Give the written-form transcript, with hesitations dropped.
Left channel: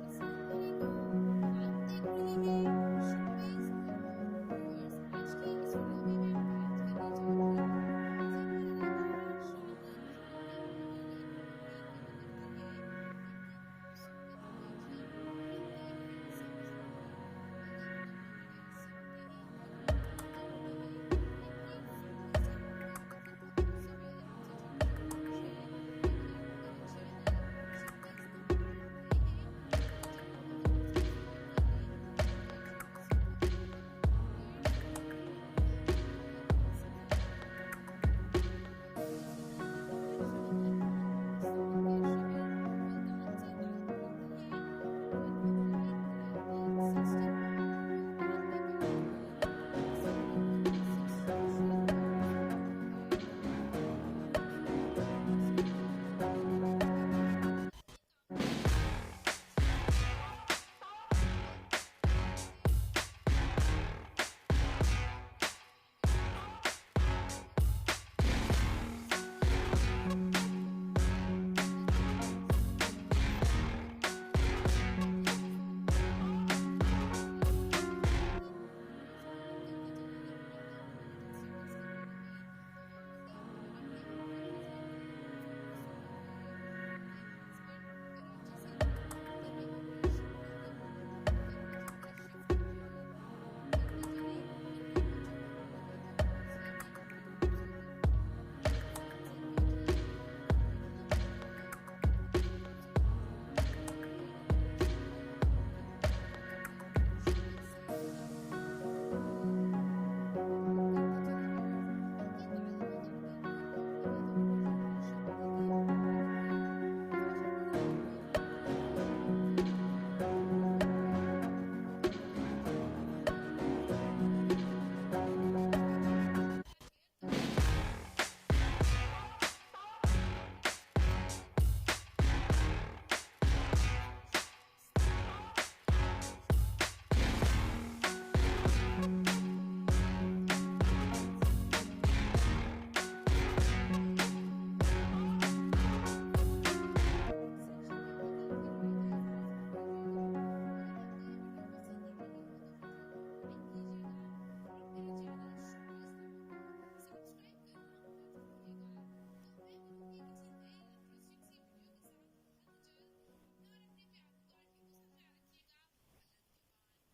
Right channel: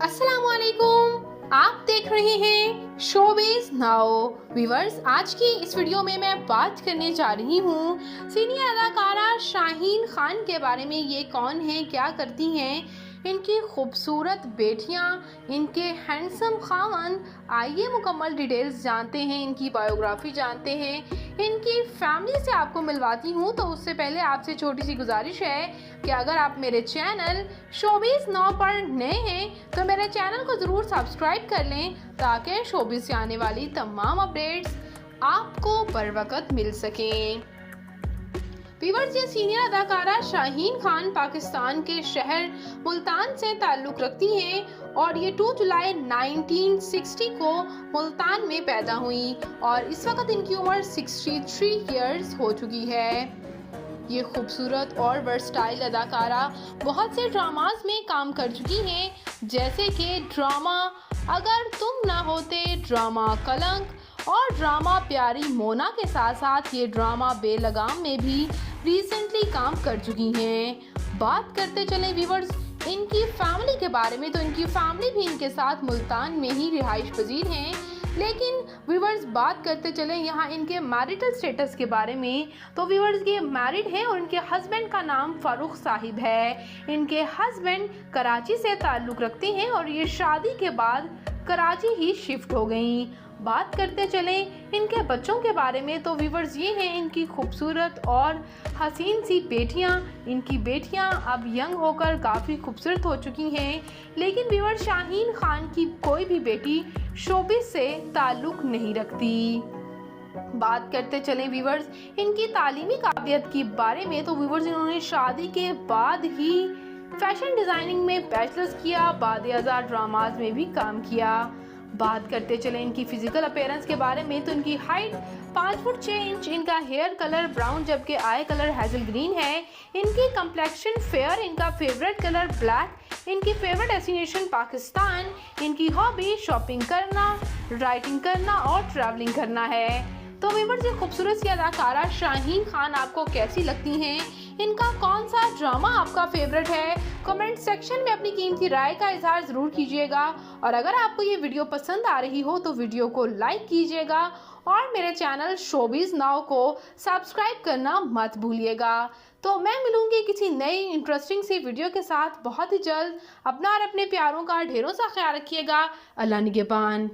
अस्सलामुअलैकुम, आप देख रहे हैं शोबिज़ नाउ। व्यूअर्स, आज की इस वीडियो में मैं बात करने जा रही हूँ सीनियर अदाकारा शाहीन खान के बारे में। ये कौन है, क्या करती हैं, इनकी खूबसूरत बेटियाँ, इनके हैंडसम खावन। आइए मुकम्मल डिटेल्स जानते हैं, इनकी बायोग्राफी जानते हैं, इनकी फैमिली से आपको मिलवाती हूँ। तो उससे पहले आपसे छोटी सी गुजारिश है कि अगर आप मेरे चैनल शोबिज़ नाउ पर नए हैं तो मेरे चैनल को ज़रूर सब्सक्राइब कर लें ताकि शोबिज़ से आने वाली तमाम अपडेट्स आपको बर वक्त मिल सकें। व्यूअर्स, ये सीनियर अदाकारा शाहीन खान पाकिस्तान के शहर मुल्तान से ताल्लुक़ रखती हैं और ये 2 जुलाई 1960 को मुल्तान में पैदा हुई और इस वक्त इनकी उम्र 63 इयर्स हो चुकी है। ये खूबसूरत और वर्सटाइल अदाकारा बहुत से ड्रामास में काम कर चुकी हैं, जैसे कि ड्रामा अगर तुम ना होते, ड्रामा कलंक और ड्रामा प्यारी मोना के साथ साथ ये ड्रामा बेलगाम में भी रिसेंटली काम कर चुकी हैं। बात करते चले व्यूअर्स इनकी फैमिली के बारे में, तो इनकी फैमिली भी इनके साथ मुल्तान में ही रिहाइश पजीर हैं। लेकिन व्यूअर्स, बात करते चले यहाँ इनके मैरिटल स्टेटस के बारे में, तो व्यूअर्स ये मैरिड हैं और इनके हस्बैंड का नाम फारूक साहिब है। इनके हस्बैंड कराची से ताल्लुक़ रखते हैं और ये शादी के बाद कराची ही शिफ्ट हो गई। बात करते चले इनके बच्चों के बारे में, तो व्यूअर्स ये हैं इनकी खूबसूरत और हसीन सी बेटियां। इनकी बेटियां अब यंग होकर काफ़ी खूबसूरत हो चुकी हैं। लेकिन व्यूअर्स, शाहीन खान की कोई भी बेटी शोबिज़ से ताल्लुक़ नहीं रखती। बात करते चले व्यूअर्स इनकी तालीमी काबिलियत के बारे में, तो व्यूअर्स इन्होंने शादी के बाद ही फैशन डिज़ाइनिंग में बैचलर्स किया, बाद आज़ाद ड्रामाज में भी काम किया। बात करते चले इनकी फिजिकल अपीयरेंस के बारे में, तो इनकी हाइट 5 फुट 6 इंच, इनका हेयर कलर ब्राउन जबकि आई कलर हैज़ल ग्रीन है, इनकी कंप्लेक्शन फेयर, इनका फेवरेट कलर ब्लैक, इनकी फेवरेट डेस्टिनेशन पाकिस्तान, इनकी हॉबी शॉपिंग करना, राइटिंग करना और ट्रैवलिंग करना है। तो व्यूअर्स, ये खूबसूरत सी अदाकारा शाहीन खान आपको कैसी लगती हैं? इनका कौन सा ड्रामा आपका फेवरेट है? कमेंट सेक्शन में अपनी कीमती राय का इजहार ज़रूर कीजिएगा और अगर आपको ये वीडियो पसंद आ रही हो तो वीडियो को लाइक कीजिएगा और मेरे चैनल शोबिज़ नाउ को सब्सक्राइब करना मत भूलिएगा। तो मैं मिलूंगी किसी नई इंटरेस्टिंग सी वीडियो के साथ बहुत ही जल्द। अपना और अपने प्यारों का ढेरों सा ख्याल रखिएगा। अल्लाह निगहबान।